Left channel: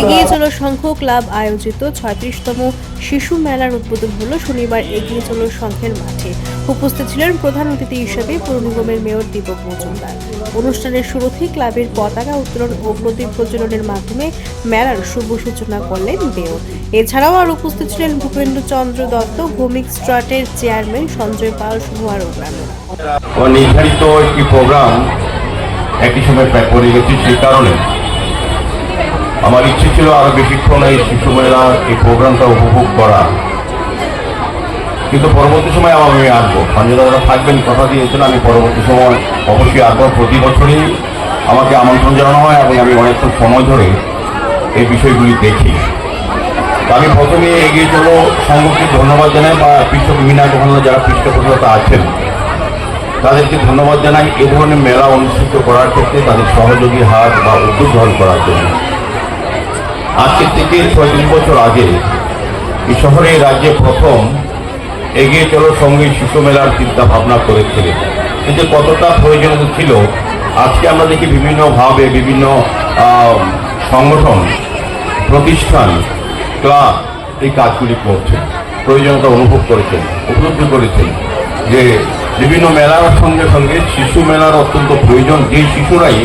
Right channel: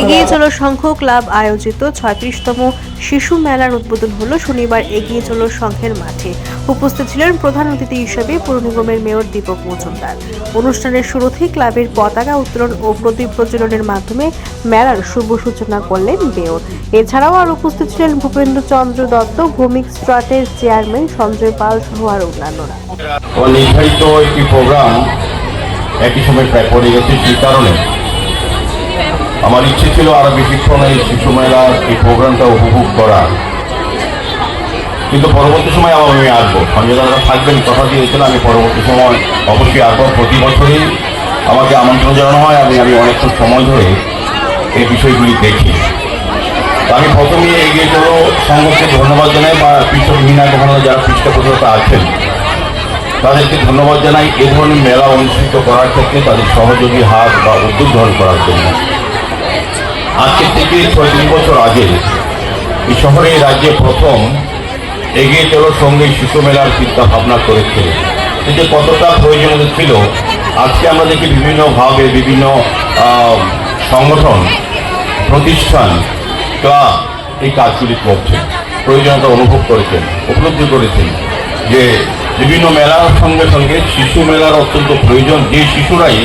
এগিয়ে চলো সংঘ ক্লাব আয়োজিত ছয়ত্রিশতম শিশু মেলার উদ্বোধন হলো শনিবার এগিয়ে চলো সংঘের মাঠে। উপস্থিত ছিলেন প্রধান অতিথি হিসেবে পুর নিগমের মেয়র দীপক মজুমদার। অনুষ্ঠানের শুরুতেই ক্লাবের পতাকা উত্তোলন ও প্রদীপ প্রজ্বলনের মাধ্যমে মেলার শুভ সূচনা করলেন মেয়র। এছাড়াও আর উপস্থিত ছিলেন ভূপেন্দ্র চন্দ্র দত্ত, ভৌমিক স্ট্রাটের চেয়ারম্যান সঞ্জয় পাল সহ আর অন্যান্যরা। নির্ধারিত একটি প্রোগ্রাম সময় প্রায় পড়ে গেছে কারণে আমার ইচ্ছে ছিল আরও বেশিক্ষণ এই শিশু মেলার এই প্রোগ্রামটা উপভোগ করা। কিন্তু পরবর্তী সময় আবার আমি আসব। আমি যারা থাকবেন, কথা দিয়েছিলাম আমি পরবর্তী সময় অবশ্যই আসব। প্রতি বছরই আমাকে আমন্ত্রণ জানানো হয়, আমি আমি অনেকক্ষণ সময় ধরে এই বিষয়গুলি দেখি। আমি প্রথমে এগিয়ে চল সংঘকে ধন্যবাদ জানাই বা কৃষক মিনা দোকানে যারা পৃষ্ঠপোষকতা আছেন, তাদেরকে ধন্যবাদ জানাই। এ ধরনের মেলা অনুষ্ঠিত করার ক্ষেত্রে তাদের সহযোগী হাত বা উদ্যোগ গ্রহণ করার জন্য। আজকে থেকে ছয়ত্রিশ বছর আগে এই শহরে রাজ্যে প্রথম এগিয়ে চলো সঙ্গে শিশু মেলার চিন্তা ভাবনা করেছিল। এতে কতটা প্রয়োজনীয় ছিল, আজকে আমরা দেখি বিভিন্নভাবে বিভিন্ন সংগঠন, প্রতিষ্ঠান, ক্লাব এই কাজগুলি করছে। প্রয়োজনীয়তা অনুভব করেছেন উপলব্ধি করেছেন যে বিভিন্ন মেলার সঙ্গে সঙ্গে শিশু মেলার অত্যন্ত প্রয়োজন। যে শিশুরাই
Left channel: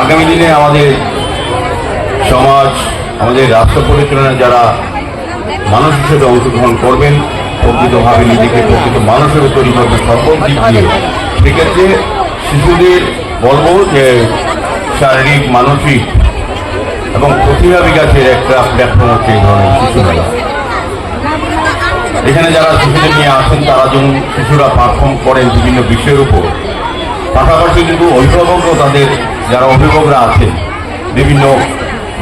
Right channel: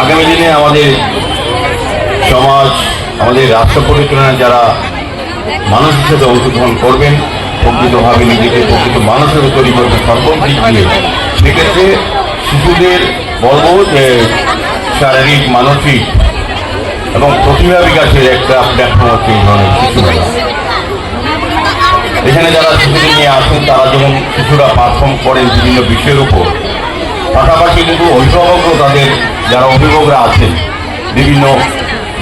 আগামী দিনে আমাদের সমাজ আমাদের রাষ্ট্র পরিচালনায় যারা মানুষ হিসেবে অংশগ্রহণ করবেন, প্রকৃতভাবে নিজেকে প্রকৃত মানুষের তৈরি করবেন, সকল দিক দিয়ে। সেক্ষেত্রে শিশুদের বলব যে শারীরিক, মানসিক এবং প্রতিভা বিকাশের একটা প্ল্যাটফর্ম হচ্ছে এই ধরনের শিশু মেলা। এখানে যারা শিশুদের নিয়ে আসেন, তারা যেমন শিশুরা পারফর্ম করেন বিভিন্ন বিষয়ের উপর, পাশাপাশি কিন্তু অভিভাবকও তাদের, যারা অভিভাবকরা আছেন, বিভিন্ন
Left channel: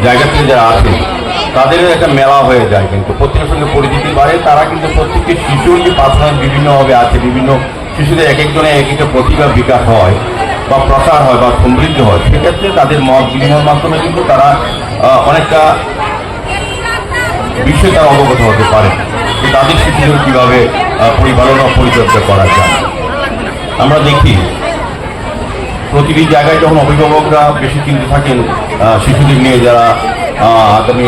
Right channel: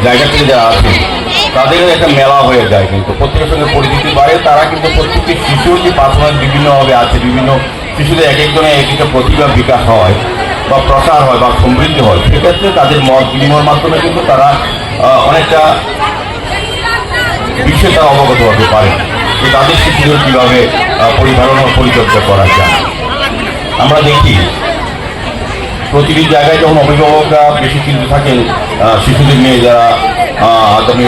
জায়গা থেকে যারা আছেন তাদেরও একটা মেলা হয়ে যায় কিন্তু। প্রত্যেকের সঙ্গে পরিচিতি বাড়ে, তারা কিন্তু প্রত্যেকটি শিশুর যে পারফরমেন্স বিভিন্নভাবে আছে, বিভিন্ন শিশুদের এক একজনের এক একটা প্রতিভা বিকাশ হয়, বা প্রসার হয়, বা সমৃদ্ধ হয়, সেক্ষেত্রে তাদের মত বিনিময়ের মাধ্যমে কিন্তু তারা অনেকটা বিষয়ে তারা অবগত হতে পারে যে তাদের শিশুদের কীভাবে পরিচালনা পরিচর্যা করা যায়। আমরা দেখি প্রতিটি জায়গায় যখন অভিভাবকরা বেশি চিন্তিত থাকেন শিশুদের নিয়ে যারা আগামী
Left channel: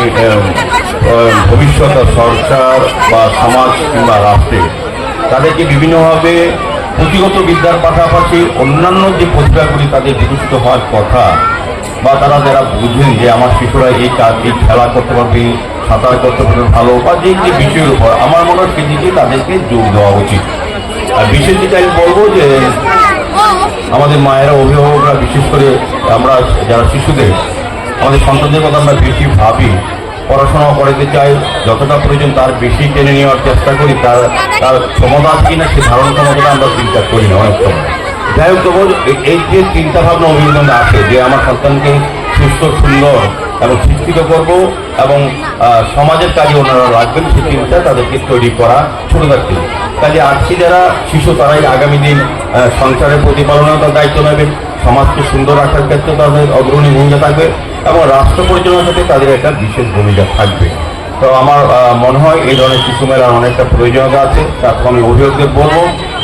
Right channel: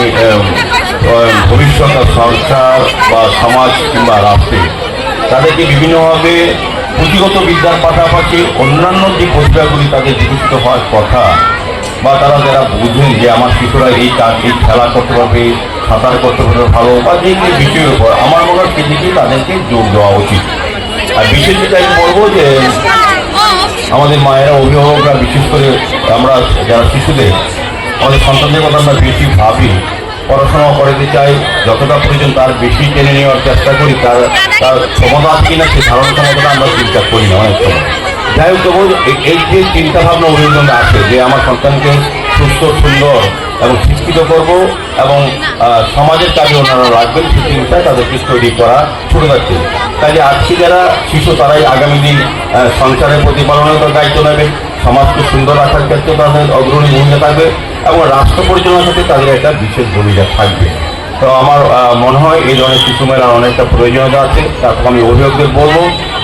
ভবিষ্যৎ সরকার বা সমাজ কিংবা রাষ্ট্রে, তাদেরকে বিভিন্নভাবে পুঁথিগত বিদ্যার পাশাপাশি অন্যান্য যে প্রতিভাগুলি তাদের বিকশিত হওয়ার কথা বা তারা যারা বুঝবেন যে আমার শিশুরা এই কাজ এই খেলা করতে পারবে, সাঁতার করতে পারবে ভালো বা যে যে বিষয়ের উপর, আমার মনে হয় সেদিকে তাদেরকে যোগ দেওয়া উচিত। আর বিশেষ যেটা আমি বলব যে আমাদের মায়েরা অভিভাবকরা, বিশেষ করে আমরা যারা শিশুদের, আমাদের সন্তানদের কথা আমরা বেশি ভাবি পড়াশোনা করাতে চাই, যতটা প্রয়োজন তার বেশি টেনে নেওয়ার চেষ্টা করি, তার তার ক্ষমতা কিনা সে ধারণ ক্ষমতা আমরা চিন্তা করি না অনেক সময়। যাই হোক, তবু এই- যে চিন্তাভাবনা অভিযোজন আছে, যে আমার সন্তানকে সুস্থ, সুন্দর এবং শিক্ষিত করব এবং সমাজের কাজে ওনারা রাখবেন চিন্তা তাদেরকে তৈরি করা ছোটদের থেকে কাজে আজকে যারা শিশু, তারাই আগামী দিন সংসারের প্রতিপালনের দায়িত্ব নেবেন, সমাজকে সুন্দর রাখার ক্ষেত্রে তাদের, অগ্রণী ভূমিকা থাকবে এবং রাষ্ট্র পরিচালনার ক্ষেত্রে তাদের একটা বিশেষ ভূমিকা থাকবে। তো আমার মনে হয় এই ধরনের শিশু মেলার অনেকটা প্রয়োজনীয়তা আছে তারপর আমি অভিভাবকদের বলব।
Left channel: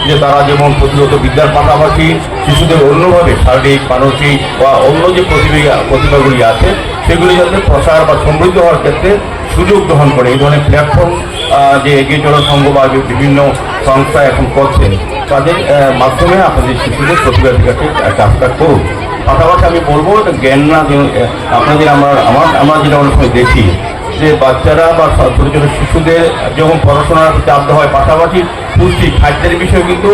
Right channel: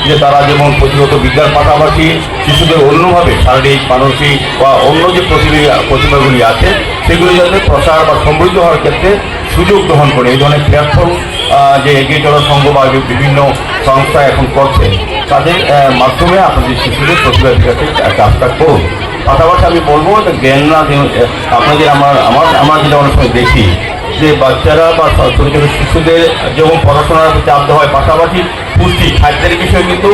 যে তারা যেমন প্রতিগত বিদ্যার পাশাপাশি শিশুদের অন্যভাবে শারীরিক, মানসিক বা অন্য যে প্রতিভা প্রতিভাগুলি আছে, সেগুলি যাতে প্রসার বা সমৃদ্ধ হওয়ার ক্ষেত্রে সুযোগ গ্রহণ করে। এই ধরনের প্ল্যাটফর্ম যে এগিয়ে চলার সংঘ বা বিভিন্ন সংস্থা এখন করছেন তাদের মাধ্যমে আপনাদের শিশুদের প্রতিভা বিকাশের কাজটা করুন। পাশাপাশি আমি বলব জ্ঞান না আপনাদের আমার আমার আমার যেটা সময় দেখি যে বাচ্চারা বা শিশুদের যেমন পড়াশোনার চাপ হয় পাশাপাশি পুষ্টি খাদ্যের বিষয়ে কিন্তু